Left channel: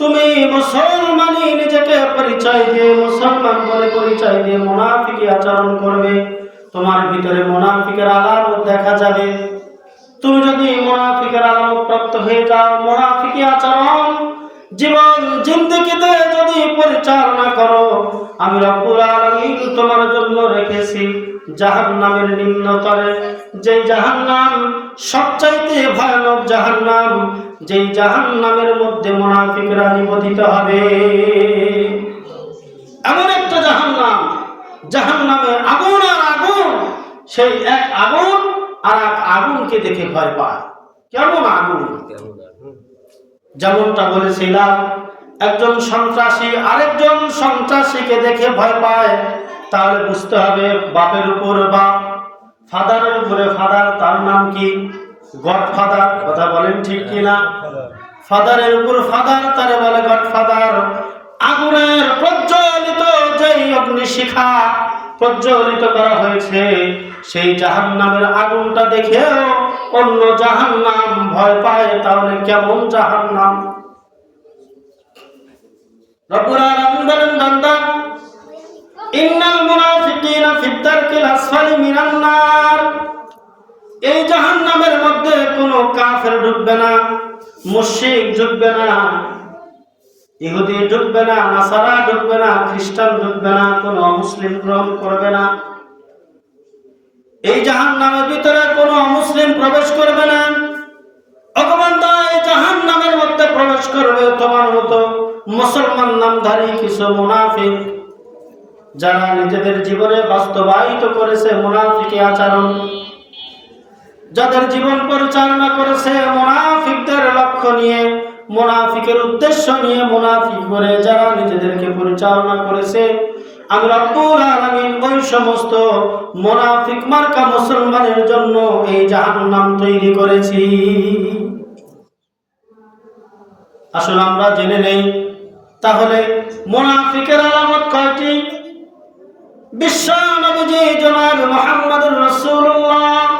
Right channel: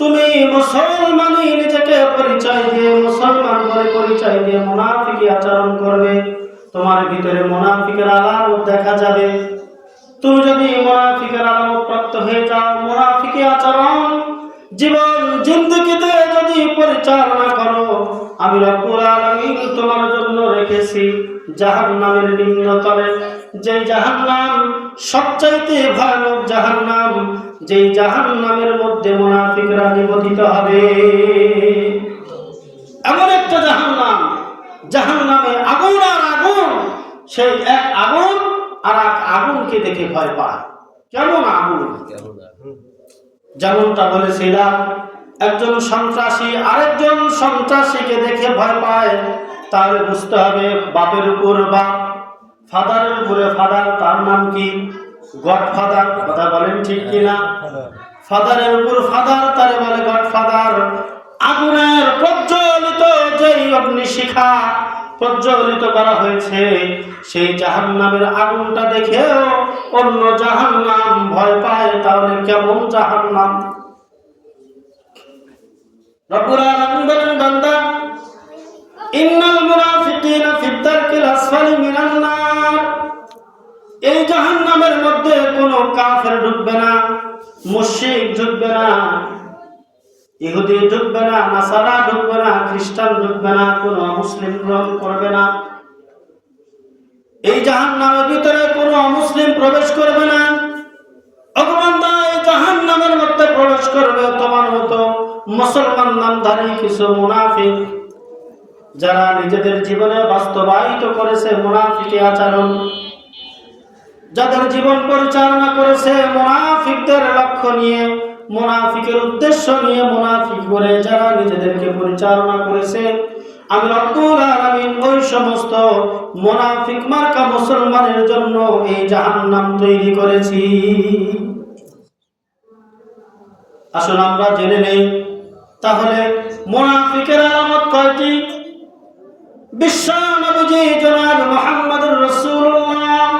তুমি মুসলমানই নিজেকে পরিচয় দিয়ে মুসলমান বলে পরিচয় দিয়ে মুনাফিকি আচরণ করবে। তোমার ভিতরে মুনাফিকের আলামত দেখা যাবে। তুমি যদি মুনাফিকের আলামত প্রাপ্ত হয়ে যাও, মুনাফিকি আচরণ, জীবন, জিন্দগিতে যদি পরিচালনা করো, আমি রব্বুল আলামিন তোমার জন্য রেখেছি জাহান্নামের নিম্নতরে যে জাহান্নাম সবচাইতে ভয়ানক জাহান্নাম যেই জাহান্নামের মধ্যে মুনাফিকরা নিবদিত হবে। এমন একটা জাহান্নাম, জাহান্নামে আগুন আর আগুন, সেই এক আগুন আর এক আগুনকে দেখে ভয় পায়। কেমন আগুন? যেমনটা বলেছিলাম, একজন সন্ত্রাসী আরেকজন সন্ত্রাসীকে দেখে ভয় পায়। তাহলে বুঝতে হবে বাপের উপর বাপ, ফাদারের উপরে ফাদার, তার নাম কি? গড ফাদার কথা বলেন ঠিক কিনা? ফাদারের উপর ফাদার তারে বলে গড ফাদার আগুনের প্রজ্বলিত যেই অগ্নিশিখা প্রজ্বলিত করা হয়েছে, সেই জাহান্নামের আগুনটা দেখেও অন্য জাহান্নাম ভয় পায়, তাহলে কেমন জাহান্নাম? রব্বুল আলামিন বলেন, বান্দা, ইন্নাল মুনাফিকিনা ফিদ দারকিল আসফালি মিনান এই জাহান্নামের মধ্যে কোনো কাফের ঢুকবে না, মুশরিক ঢুকবে না, ইহুদি ঢুকবে না, নাসারা ঢুকবে না, খ্রিস্টান ঢুকবে না, কোনো মুসলিম গ্রহণ করবে না। এই জাহান্নামের ভিতরে কোনো মুসলিম প্রবেশ করবে না। ভগবানদা এই জাহান্নামের মধ্যে প্রবেশ করবে তোমার মতো মুসলমান নামধারী কিছু মুনাফিক, যারা নিজেদের জীবনে বাস্তবায়িত করেছে মুনাফিকি আচরণ। যাদের জীবন পরিচালনা করেছে মুনাফিকদের লক্ষ্য নিয়ে, মুনাফিকের উদ্দেশ্য নিয়ে মুনাফিক করে যারা নিজেদেরকে পরিচালনা করেছে, আমি রব্বুল আলামিন ওই সমস্ত মুনাফিক মার্কা মুসলমানের জন্য এই জাহান্নাম তৈরি করেছি। আসুন আমরা জেনে নেই, তাহলে মুনাফিকের আলামত কয়টি? বিশ্ব জনাব মুহাম্মদুর রাসূলুল্লাহ।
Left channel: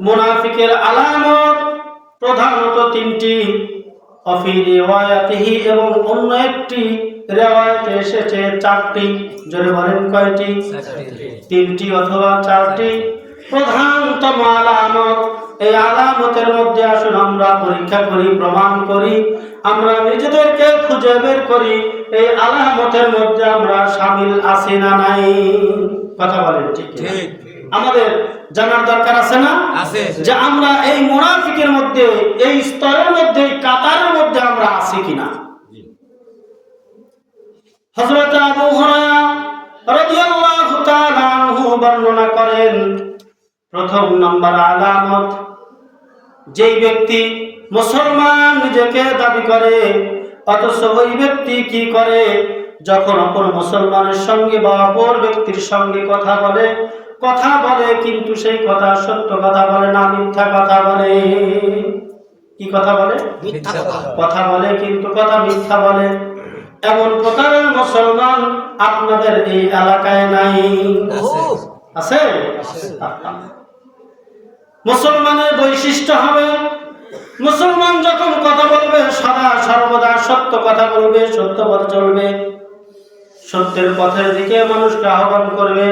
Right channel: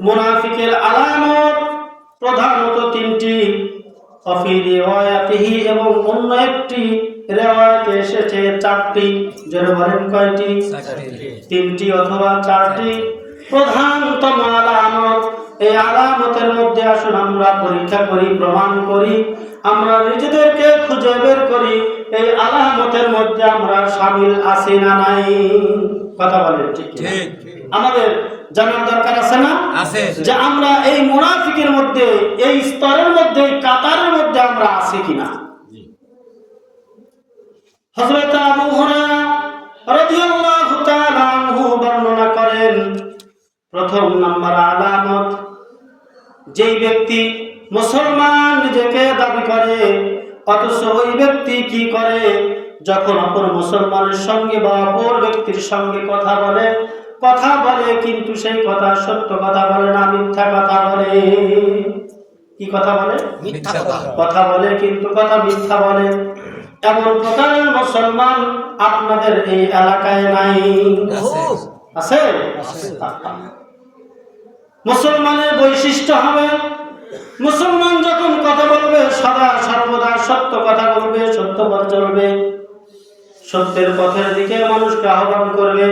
মুনাফিকের আলামত প্রধানত তিনটি। অফি রিওয়ায়াতিহি এবং অন্য একটি রেওয়ায়তে এসেছে চারটি। যদি বলেন কয়টি? তিনটি অথবা চারটি। প্রধানতম আলামত এই আলামতের মধ্যে আসুন আমরা পরীক্ষা করি প্রমাণ করি। আমরা নিজেদেরকে খুঁজে বের করি এই আলামতের মধ্যে আমরা সামিল আছি না নাই। কথা বলেন ঠিক। আমাদের জানার দরকার আছে না? আছে। যে আমরা এই মুনাফিকের মধ্যে এই স্তরের মধ্যে এই কাতারের মধ্যে আমরা আছি কিনা? হযরত আবু হুরায়রা রাদিয়াল্লাহু তাআলা আনহু বর্ণনা করেন প্রথম নাম্বার আলামত যেই ব্যক্তি মুসলমান নিজেকে দাবি করে অথচ ওই ব্যক্তি কি করে? যখন অপর মুসলমানের সঙ্গে বা অপর ব্যক্তির সঙ্গে কথা বলে কথা বলে কিন্তু সেই কথা সত্য কথা বলে না মিথ্যা কথা বলে। কি কথা বলে? মিথ্যা কথা কথা বলে কিন্তু কথা মিথ্যা বলে। এমন প্রকারের মুসলমান আপনাদের এই এলাকায় নাই। আছে। মুসলমানের বৈশিষ্ট্য হবে মুসলমান যখন কথা বলবে সদা সর্বদা সত্য কথা বলবে সত্য কথা চলবে। সত্যের পথের দিকে মানুষকে আহ্বান করবে।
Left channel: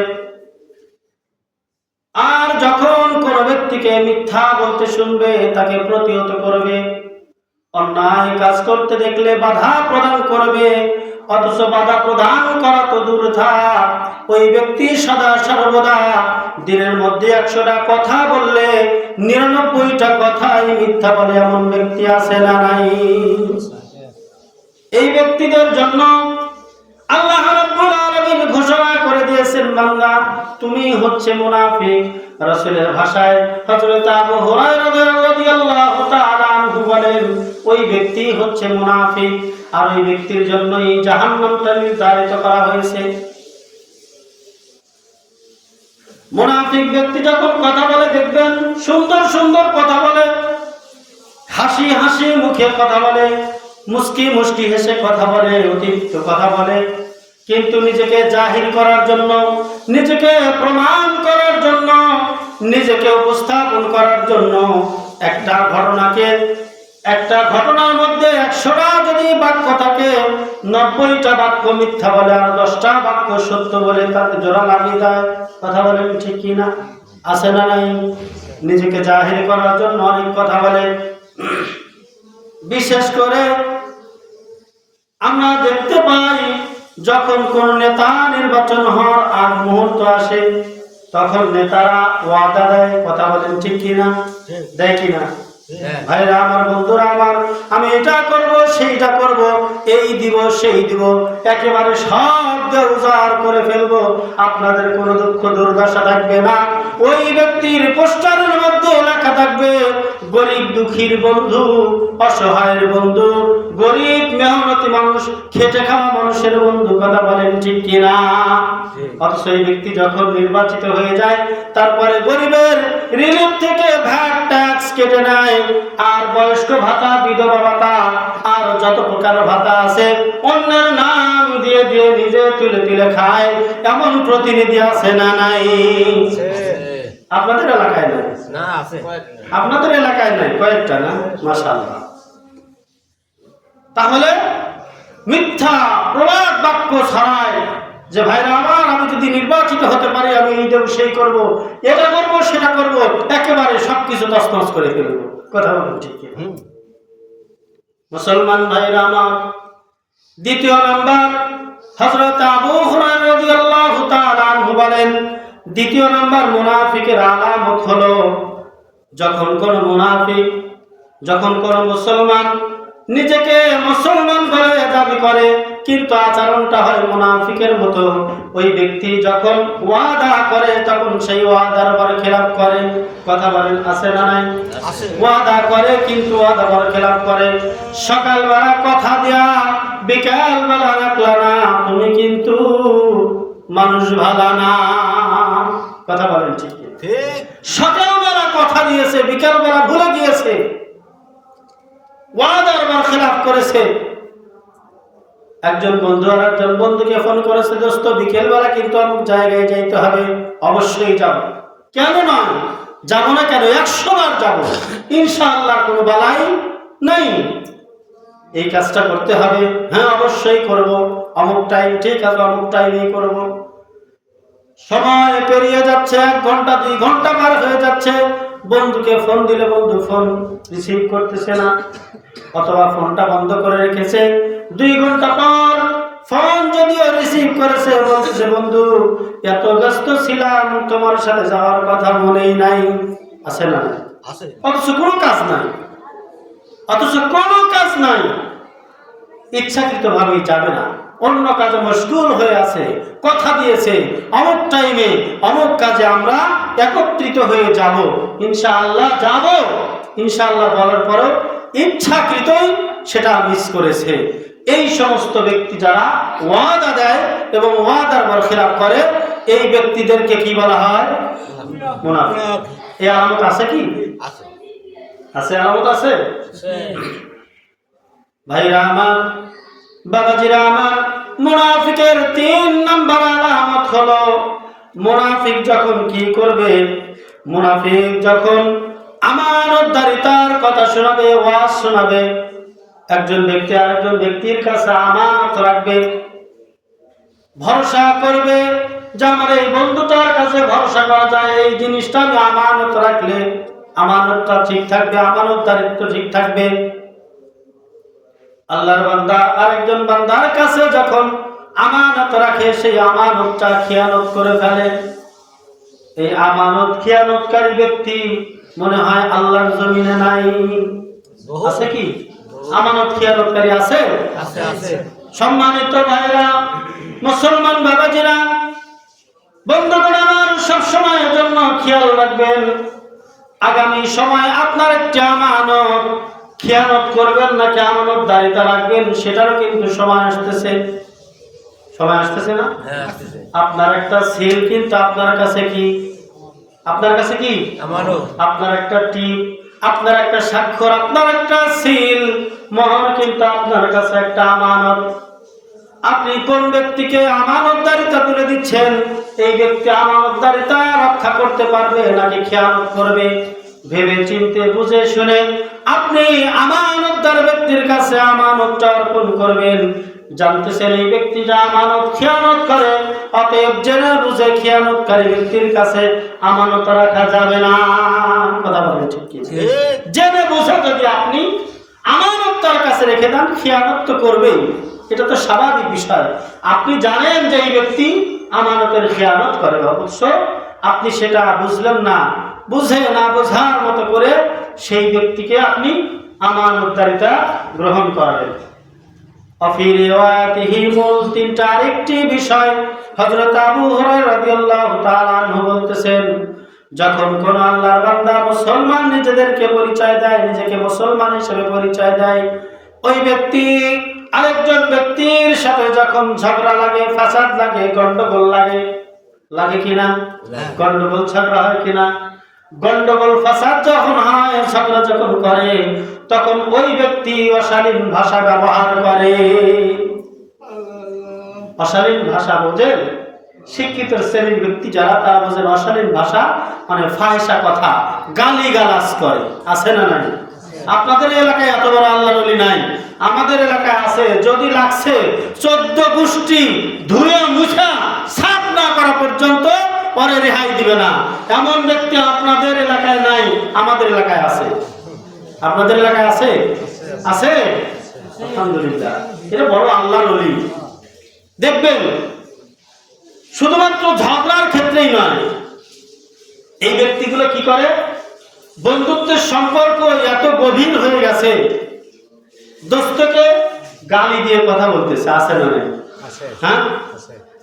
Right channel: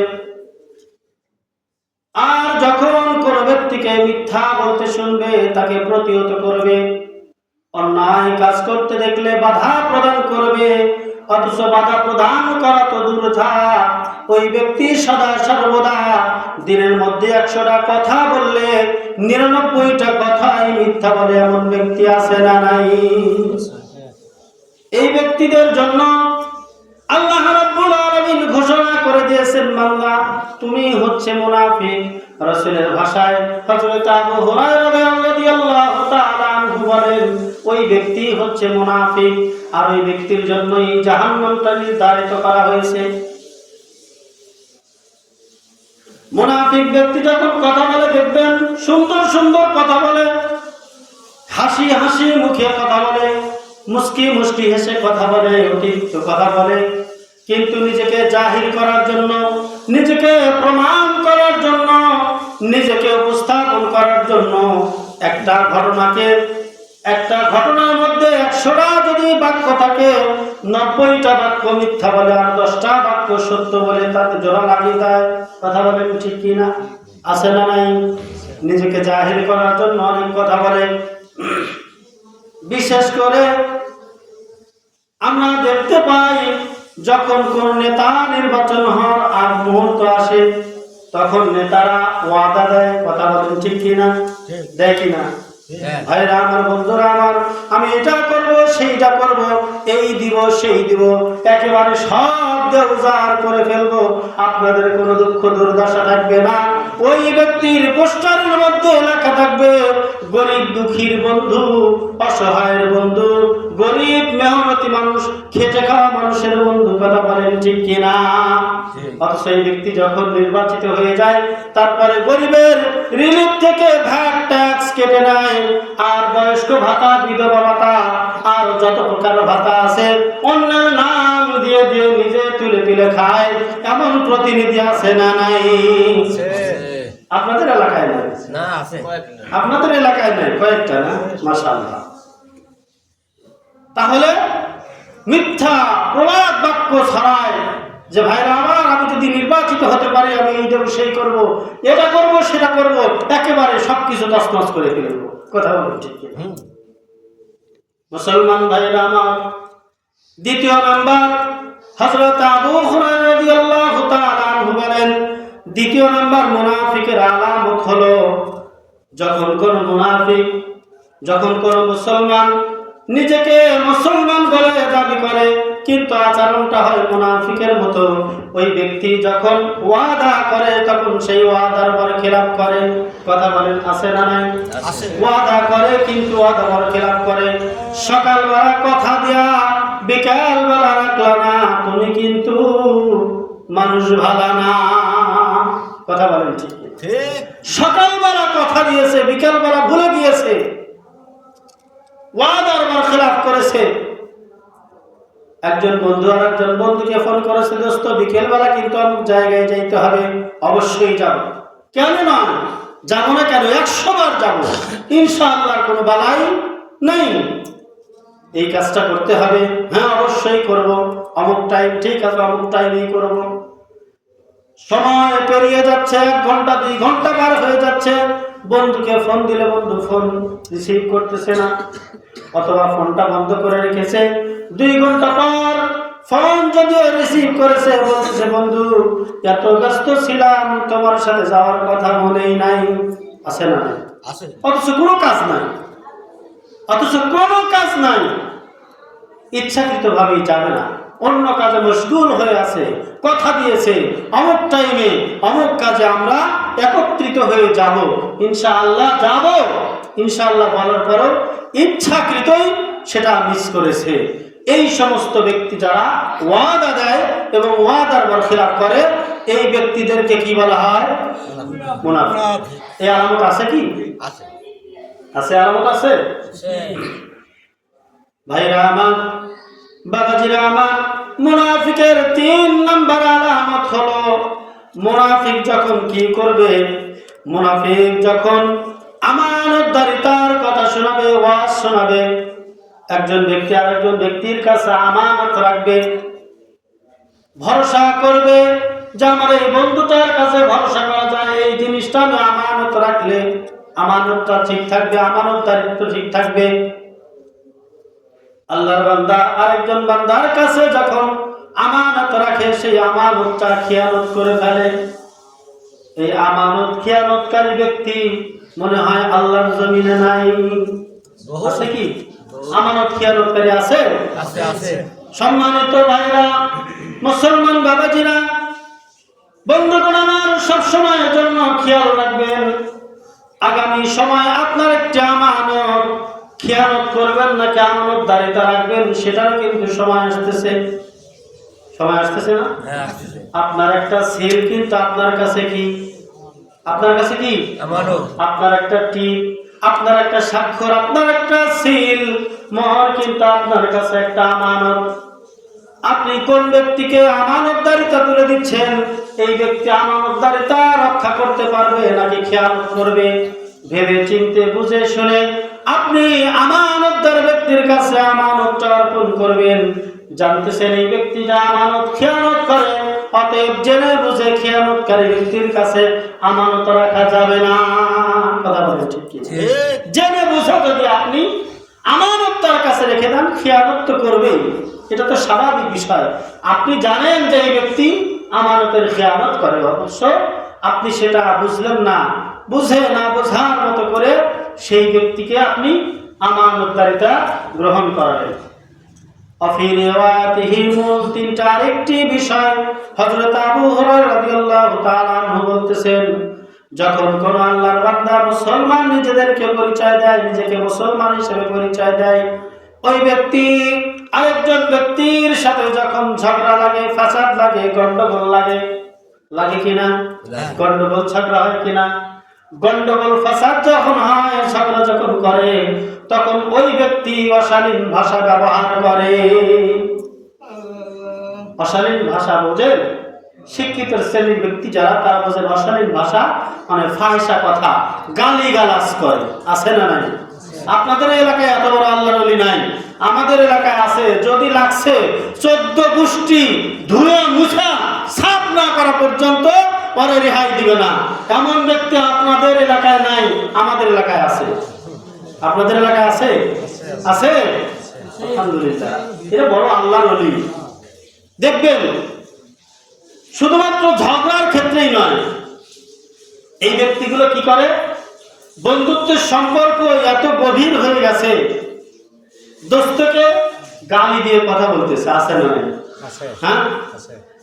যখন কোন ব্যক্তিকে মিথ্যা বলতে শুনবে, তাকে প্রতিহত করবে। অন্যায় কাজ করতে দেখলে বাধা প্রদান করবে, অথচ বাধা প্রদান করা তো দূর থাক ওই ব্যক্তি সদা সর্বদা দিনের মধ্যে একশোটা কথা বললে, নিরানব্বইটা কথাই মিথ্যা বলে এমন ব্যক্তি আছে না নাই? এই ব্যক্তিদের জন্য আল্লাহ আলামিন ঘোষণা করে দিয়েছেন বান্দা, তুমি হচ্ছে মুনাফিক। রাসূলের ভাষায় হযরত আবু হুরায়রা রাদিয়াল্লাহু তাআলা আনহু বলেন, ওই ব্যক্তি হচ্ছে মুনাফিক। আর ওই ব্যক্তির জন্যই জাহান্নামটা নির্ধারিত করা হয়েছে। মুনাফিক ব্যক্তি যখন কথা বলে, দেখবেন সুন্দর সুন্দর কথা বলে। হাসি হাসি মুখে কথা বলে মুস্কি মুস্কি হেসে কথা বলে, অতিরিক্ত কথা বলে। কিন্তু নিজেকে জাহির করার জন্য, নিজেকে প্রমাণ করার জন্য, নিজেকে উপস্থাপন করার জন্য একটা ঘটনাকে, একটা ঘটনার মধ্যে একশোটা যদি বাক্য থাকে, নব্বইটা বাক্য মিথ্যা বলে আর দশটা বাক্য সত্য বলে তাতে জোড়া লাগিয়ে দেয়। কথা বলেন ঠিক কি না? আছে না নাই? নিজেকে জাহির করার জন্য অনেক কথা বলে। বিশেষ করে আমরা দেখতে পাই যখন কোন নেতা নির্বাচন হওয়ার আর মুহূর্ত আসে তখন নেতারা ওয়াদা দেয় কথা বলেন ঠিক কিনা? দেয় কিনা? হ্যাঁ। ভাইরা আমার বন্ধুরা আমার আমি এটা করব সেইটা করব এই দিব সেই দিব একেবারে সব উজাড় করে ফেলব। আপনাদের কোনো দুঃখ দুর্দশা থাকবে না। ওই ব্যক্তির পোস্টারের মধ্যে লেখা থাকবে গরিব দুঃখীর বন্ধু অসহায়ের বন্ধু গরিব মেহনতি মানুষ খেটে খাওয়া মানুষের বন্ধু কথা বলেন ঠিক কিনা। অথচ এই ব্যক্তি যখন নির্বাচিত হয়ে যায় তারপরে গরিবের রিলিফ থেকে ভ্যাট ট্যাক্স কেটে নেয়। আর বয়স্ক ভাতা বিধবা ভাতা আর যত প্রকার ভাতা আছে অন্যের নাম দিয়ে দিয়ে নিজে তুলে তুলে খায়। এমন প্রতিনিধি আছে না নাই? আপনাদের এলাকায় নাই। না আছে। আপনাদের এলাকায় নাই কয়েকটা না? মাশাআল্লাহ। তাহলে মিথ্যা প্রবাদ বাক্য ছড়ায় যে ভাইরা আমার আমি যদি নির্বাচিত হতে পারি আমি এই দেব সেই করব এটা করব সেটা করব একেবারে সবকিছু তছনছ করে ফেলব। কথা বলুন ঠিক? মুসলমান ভাইরা আমার দ্বিতীয় নাম্বার হজরত আবু হুরায়রা রাদিয়াল্লাহু তাআলা বলেন দ্বিতীয় নাম্বার মুনাফিকের আলামত হলো যখন কোন মুনাফিক যখন কোন মুসলমান নিজেকে মুসলমান বলে দাবি করে কিন্তু আচরণটা হয় মুনাফিকের মতো। ওই ব্যক্তি যখন ওয়াদা করে তখন সেই ওয়াদার পর খেলাপ করে। কথা বলেন আছে না নাই? ওয়াদা করে কিন্তু ওয়াদা পর খেলাপ করে। সকালবেলা কথা দেয়া বিকাল বেলা রাখল না। তুমি কিন্তু মানুষ ভালো না। কথা বলেন ঠিক? ঠিক। সকালবেলা কথা দিয়েছে বিকালবেলা ভুলে গিয়েছে। ওয়াদার বার খেলাপ করেছে। একজন বন্ধু আর একজন বন্ধুকে ফোন করেছে দোস্ত বিকেলবেলা কিন্তু অমুক জায়গায় যাইতে হবে অবশ্যই যাব। কেন নয়? যাব না কেন? একশো বার যাব। ইনশাআল্লাহ কোনো বালাই নাই। এই কাজটা করতে হবে। হ্যাঁ অবশ্যই করব। অমুক টাইম ঠিক আছে অমুক টাইমেই করব। সময় পেরিয়ে যাচ্ছে এক ঘণ্টা দুই ঘণ্টা পার হয়ে যাচ্ছে। বন্ধুকে ফোন দিলে বন্ধু ফোন রিসিভ করতেছে না অথবা ফোনটা বন্ধ করে রেখেছে। দুই ঘণ্টা পর ফোন যদিও রিসিভ করেছে বলতেছে বন্ধু এত ব্যস্ত ছিলাম তোমার সাথে যাওয়ার কথা মনেই নাই। আছে না? আছে। অথচ কোনো কাজ নাই। অথচ কোনো কাজ নাই। ইচ্ছাকৃত ভাবেই যাবে না। অন্য কাজে মশগুল হয়ে আছে কথা দিয়েছে। অমুক টাইমে অমুক কাজে আমরা একত্রিত হয়ে যাব। ইনশাআল্লাহ যাব। ইনশাআল্লাহ বলার পরও ইচ্ছাকৃতই সেটা মিস করেছে। এই সমস্ত ব্যক্তি যারা ওয়াদা দেয় এবং ওয়াদার বরখেলাপ করে এই ব্যক্তিদেরকে কি বলা হয়? মুনাফিক। এই আলামত আছে কি? আছে। আছে আলামত আছে। ভাইরা আমার বাবাজিরা আমার, মুনাফিকের তিন নাম্বার আলামত হলো, মুনাফিক যখন কি করবে? মুনাফিক যখন আমানতদারিতার কথা শোনাবে, ওয়াজ শোনাবে, একজন ব্যক্তি আরেকজন ব্যক্তির কাছে আমানত রাখবে, ভরসা করবে যে আমার এই বন্ধুটার কাছে ভরসা করা যায়, এই জিনিসটা আমি আমানত রাখলে, আমানতটা ঠিক থাকবে আমানত দারিদ্র ঠিক থাকবে। আল্লাহর বান্দা আরেকজন বান্দার কাছে যখন আমানত রাখে সেই আমানতটা খেয়ানত করে ফেলে। এই আমানত খেয়ানতকারী ব্যক্তি মনে হয় আল্লাহর জমিনে নাই। আছে কি? আমানত খেয়ানতকারী আছে? আছে আছে। সম্মানিত ভাইরা মুসলমান বাবাজিরা বন্ধুগণ আমার সবসময়ের জন্য খেয়াল রাখবেন আগামী সময় আপনার একটি আমানত খেয়ালত করবেন নাকি আমানত দাঁড়িয়ে রাখবেন সেটারও কিন্তু সময় আসতেছে। সময় আসতেছে না? হ্যাঁ আপনার একটা সেল কিন্তু আপনার কাছে কি? আপনার কাছে কি? আপনার একটা টিপ আপনার একটা স্বাক্ষর আপনার একটা সিল মোহর কিন্তু আপনার কাছে একটা আমানত। আপনি কোন ব্যক্তিকে আমানতদারিতা তুলে দিচ্ছেন? এই ব্যক্তি আমানতদারিতা রক্ষা করতে পারবে নাকি খেয়াল করবে? ভেবে চিনতে বুঝে শুনে আপনি আমানতদার ব্যক্তির কাছে আমানতটা অর্পণ করবেন। জানতেছেন এই ব্যক্তিটা আমানত খেয়ানত করে অতএব জেনে বুঝে খেয়ানতকারী ব্যক্তির কাছে আমানত রাখা যাবে না। কথা বলে ঠিক? জেনে বুঝে যদি আপনি আমানত তার কাছে রেখে দেন খেয়ানত তো করবেই। এটা তো স্বাভাবিক বিষয়। আপনি জানেন যে এই ব্যক্তি আমানতের খেয়ানত করে অবশ্য আপনি সেটা বুঝলেন না। বুঝে না বোঝার মতো করে সেই ব্যক্তিকে আপনি আমানতদারিতা গ্রহণ করাবেন। তিনটা আরেকটি বিষয় আবু রাদিয়াল্লাহু তাআলা বলতেছেন যখন কোন আল্লাহর বান্দা মুসলমান নিজেদেরকে পরিচয় দেয় নিজেকে মুসলমান হিসেবে পরিচয় দেয় ওই ব্যক্তি আরেকজন ব্যক্তির সাথে যখন ঝগড়া লাগে ফাসাদ লাগে গন্ডগোল লাগে লাগে কিনা। গন্ডগোল ঝগড়া হয় কিনা? গন্ডগোল, ফাসাদ যখন হয় ঝগড়া যখন করে, তখন ওই ব্যক্তি অশালীন ভাষা ব্যবহার করে। অশালীন ভাষা বোঝেন শিক্ষিত শ্রেণির ব্যক্তি যারা, তারা বোঝেন অশালীন ভাষা মানে ফায়সা কথা গালি গালাজ করে। আছে না নাই? আপনাদের এলাকায় এত বড় আল্লাহ নলি নাই। আমাদের এলাকায় আছে, যদি লাগছে, চোদ্দ গোষ্ঠী ধুয়ে মুছা সাফ না করা পর্যন্ত পরে রেহাই দিবে না। এমন ব্যক্তি আপনাদের এলাকায় নাই আমাদের এলাকায় আছে। আপনাদের এলাকায় আছে? আছে? আলহামদুলিল্লাহ। এটা বড় আল্লাহ নলি দেখবেন শুধুমাত্র ঝগড়ার ক্ষেত্রেই নয় এই ব্যক্তিগুলো কি করে? বন্ধুত্বের সম্পর্ক এত গভীর হয়ে গেছে দোস্তকে গালি দিয়ে কথা বলতেছে আছে না নাই? হ্যাঁ?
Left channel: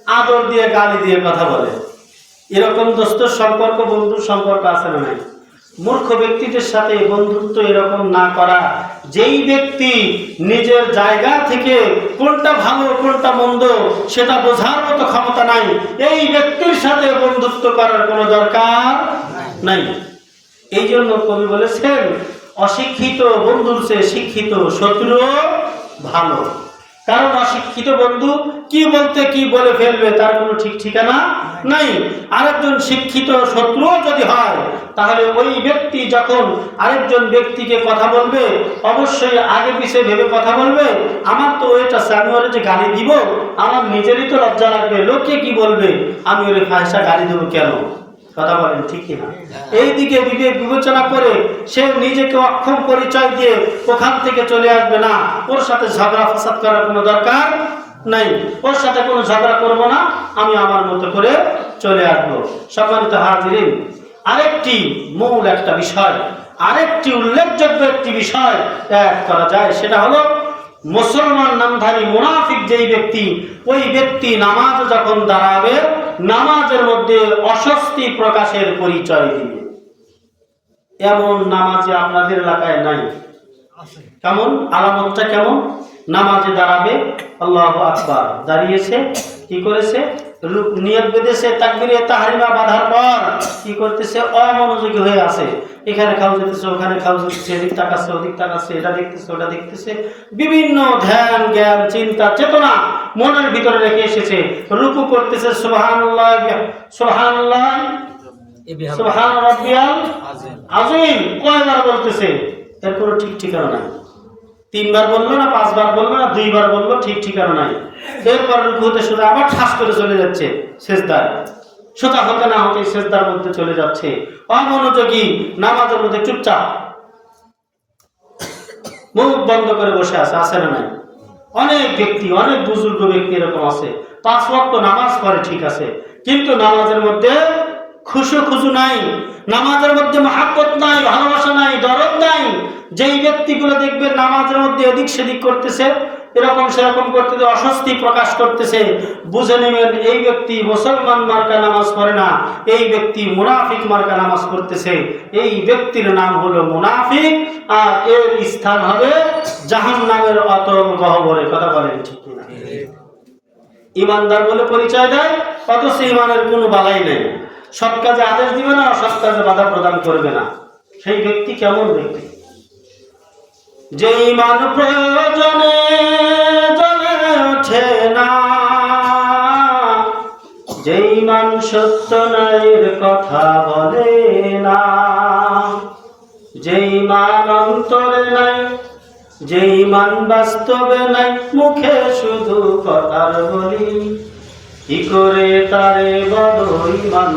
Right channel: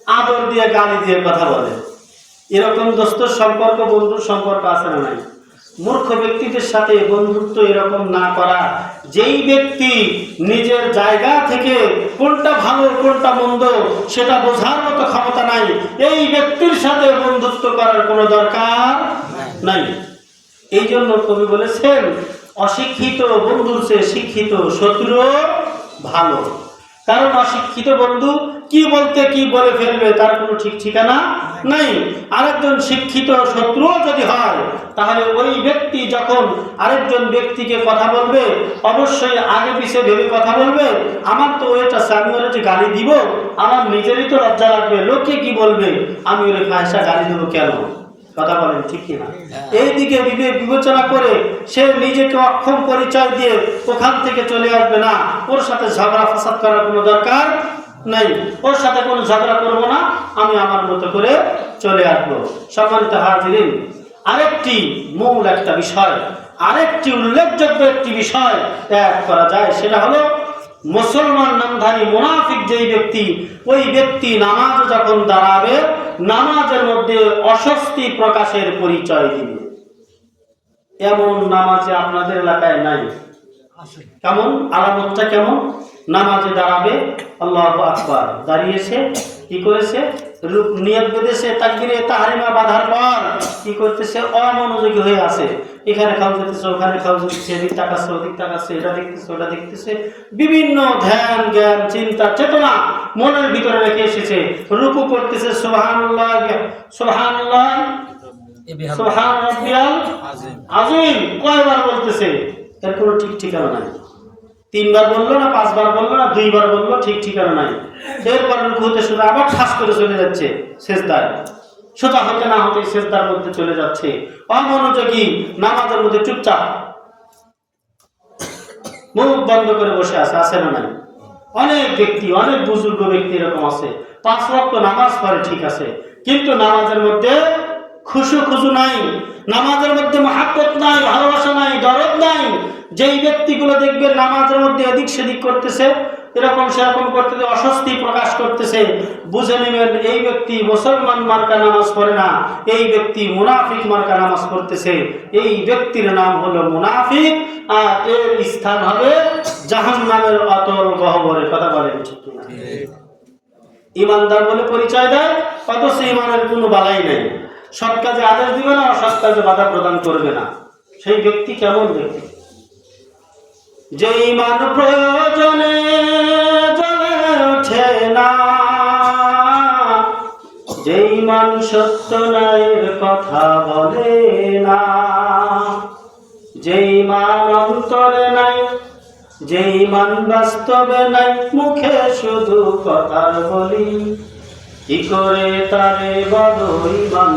আদর দিয়ে গালি দিয়ে কথা বলে। এরকম দোস্তর সম্পর্ক, বন্ধুর সম্পর্ক আছে না নাই? মূর্খ ব্যক্তিদের সাথে বন্ধুত্ব এরকম না করা, যেই ব্যক্তি নিজের জায়গা থেকে কোনটা ভালো, কোনটা মন্দ, সেটা বোঝার মতো ক্ষমতা নাই, এই ব্যক্তির সাথে বন্ধুত্ব করার কোনো দরকার নাই। এই জন্য কবি বলেছেন, অশিক্ষিত বন্ধুর চেয়ে শিক্ষিত শত্রু ভালো। কারণ অশিক্ষিত বন্ধু কি বলতে কি বলে ফেলবে তার কোনো ঠিক ঠিকানা নাই। আরেকজন শিক্ষিত শত্রুও যদি হয়, তাহলে ওই ব্যক্তি যখন আরেকজন ব্যক্তিকে কথা বলবে, অবশ্যই আগে পিছে ভেবে কথা বলবে? আমার তো ওইটা আমি ওরে যে গালি দিব, আমার নিজেরই তো লজ্জা লাগবে। লোকে কি বলবে? আমি ওরে ফাঁসা গালি দেবো কেন? কথা বলেন ঠিক কিনা এই দিকে বিবেক বিবেচনা করে সে নিজেকে অক্ষম পরিচয় দিয়ে ওখান থেকে চলে আসবে না। ওর সাথে ঝগড়া ফাসাদ করার কোনো দরকার নাই। ওর সাথে কোনো ঝগড়া করব না। আমি আমার মতো করে চলে আসব। সম্মানিত হাজিরিন, আরেকটি মূল একটা বিষয়, আরেকটি উল্লেখযোগ্য একটি বিষয় ত্যাগ করা যায়। সেটা হলো, মুসলমান নামধারী মুনাফিক যেই ব্যক্তি, ওই ব্যক্তি নামাজ যখন দাঁড়াবে নামাজের মধ্যে অস্বস্তি প্রকাশের পরিচয় দিবে এমন নামাজে আপনাদের এলাকায় নাই। কেমন? আলামতটা কেমন? নামাজে দাঁড়াবে আল্লাহ আকবার। দাঁড়িয়েছে কি করেছে? রূপ নিয়ত বেঁধেছে তাকবিরে তাহারিমা বাঁধার পর কি করতেছে? অমনোযোগী হয়ে আছে। এখানে খাও যেতেছে ওখানে খাও যেতেছে এদিক তাকাচ্ছে ওদিক তাকাচ্ছে এটা দেখতেছে ওটা দেখতেছে। বিভিন্ন ধ্যান জ্ঞান চিন্তা চেতনা মনের ভিতরে রেখে এসেছে। রুকু করতেছে সুবহানাল্লাহ এ বিহার সুবহান আজিম। কয়বার বলতেছে? এর কোনো ঠিক ঠিকানা নাই। তিনবার বলল না, পাঁচবার বলল না, দুইবার বলল, ঠিক ঠিকানা নাই। এরপর রুকুতে শুনে আবার ঠাস করে চলে যাচ্ছে শেষদার। সোজা হতে না হতে শেষদার মধ্যে চলে যাচ্ছে। অমনোযোগী নামাজের মধ্যে চুপচাপ। মুখ বন্ধ করে বসে আছে আছে না নাই? অনেক ব্যক্তি, অনেক বুজুর্গ ব্যক্তি এরকম আছে। পাঁচ ওয়াক্ত নামাজ পড়ে ঠিক আছে। কিন্তু নামাজের মধ্যে খুশু খুশু নাই নামাজের মধ্যে মহাব্বত নাই ভালোবাসা নাই দরদ নাই। যেই ব্যক্তিগুলো দেখবে নামাজের মধ্যে এদিক সেদিক করতেছে এরকম সেরকম করতে অস্বস্তি প্রকাশ করতেছে বুঝে নেবেন এই ব্যক্তি মুসলমান মার্কা নামাজ পড়ে না এই ব্যক্তি মুনাফিক মার্কা নামাজ পড়তেছে। এই ব্যক্তির নাম হলো মুনাফিক আর এর স্থান হবে জাহান নামের অতল গহবরে। কথা বলেন? ইমানদার বলে পরিচয় দেয় অথচ ইমানের কোনো বালাই নেই। সৎ কাজে আদেশ দিবে না, অসৎ কাজে বাধা প্রদান করবে না। সেই ব্যক্তি কেমন ব্যক্তি? যে ইমান প্রয়োজনে জ্বলে ওঠে না, যে ইমান সত্য নায়ের কথা বলে না, যে ইমান অন্তরে নাই, যে ইমান বাস্তবে নাই, মুখে শুধু কথার বলি কি করে তারে বলো ইমান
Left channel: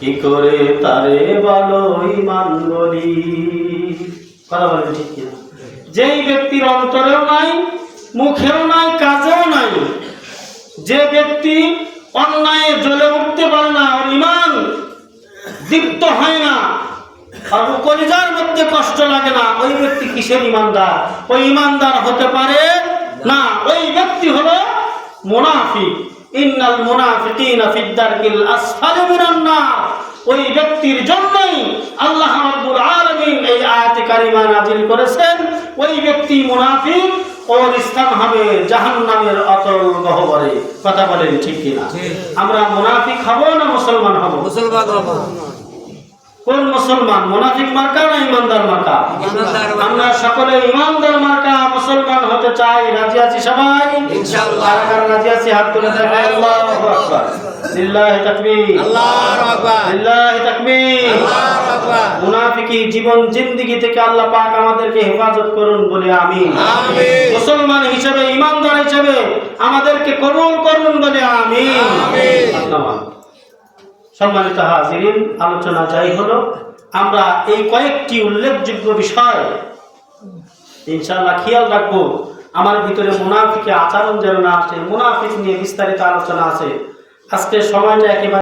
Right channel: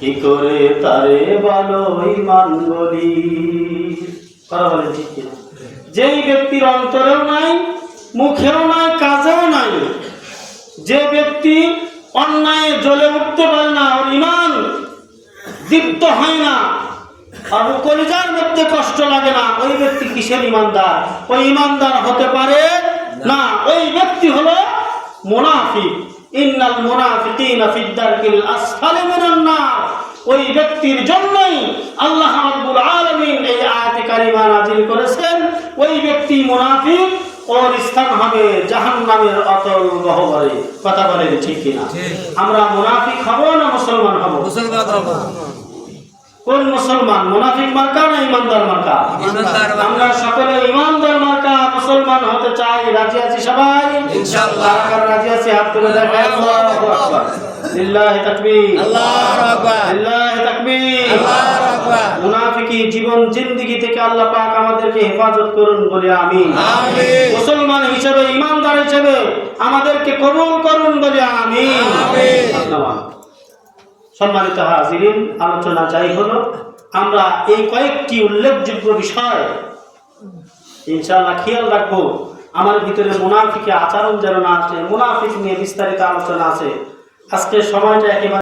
কি করে তারে বলো ইমান যেই ব্যক্তির অন্তরেও নাই, মুখেও নাই কাজেও নাই, যে ব্যক্তি অন্যায় জ্বলে উঠতে পারে না, ওর ইমান দীপ্ত হয় না, আর কলিজার মধ্যে কষ্ট লাগে না, ওই ব্যক্তি কিসের ইমানদার ওই ইমানদার হতে পারে না, ওই ব্যক্তি হলো মুনাফিক। ইন্নাল মুনাফিকিনা ফিদ দারকিল আসফালি মিনান নার। ওই ব্যক্তির জন্যই আল্লাহ রাব্বুল আলামিন এই আয়াতে কারিমা নাযিল করেছেন। ওই ব্যক্তি মুনাফিক ওর স্থান হবে জাহান্নামের অতল গহ্বরে। কথা বলেন ঠিক কিনা? আমরা মুনাফিক হব না মুসলমান হব? মুসলমান হব। কোন মুসলমান? মুনাফিক মার্কা না ইমানদার মার্কা? আমরা সকলে ইমানদার মার্কা মুসলমান হতে চাই। রাজি আছি সবাই? ইনশাআল্লাহ। রাজি আছি? হাত তুলে আল্লাহু আকবার। লিল্লাহি তাকবীর। আল্লাহু আকবার। লিল্লাহি তাকবীর। আল্লাহু আকবার। মুনাফিকি জীবন জিন্দেগি থেকে আল্লাহ পাক আমাদেরকে হেফাজত করুন বলে আমিন। আমিন। মুসলমান হিসেবে ইমানদার হিসেবে আমাদেরকে কবুল করুন বলে আমিন। আমিন। সম্মানিত হাজিরিন, আলোচনা যাই হলো। আমরা এই কয়েকটি উল্লেখযোগ্য বিষয়, ইনশাআল্লাহ খেয়াল রাখব। আমার ভিতরে মুনাফিকে আচরণ যেন না আসে, মুনাফিক নিয়ে বিস্তারিত আলোচনা আছে। আজকে সময়টা একেবারে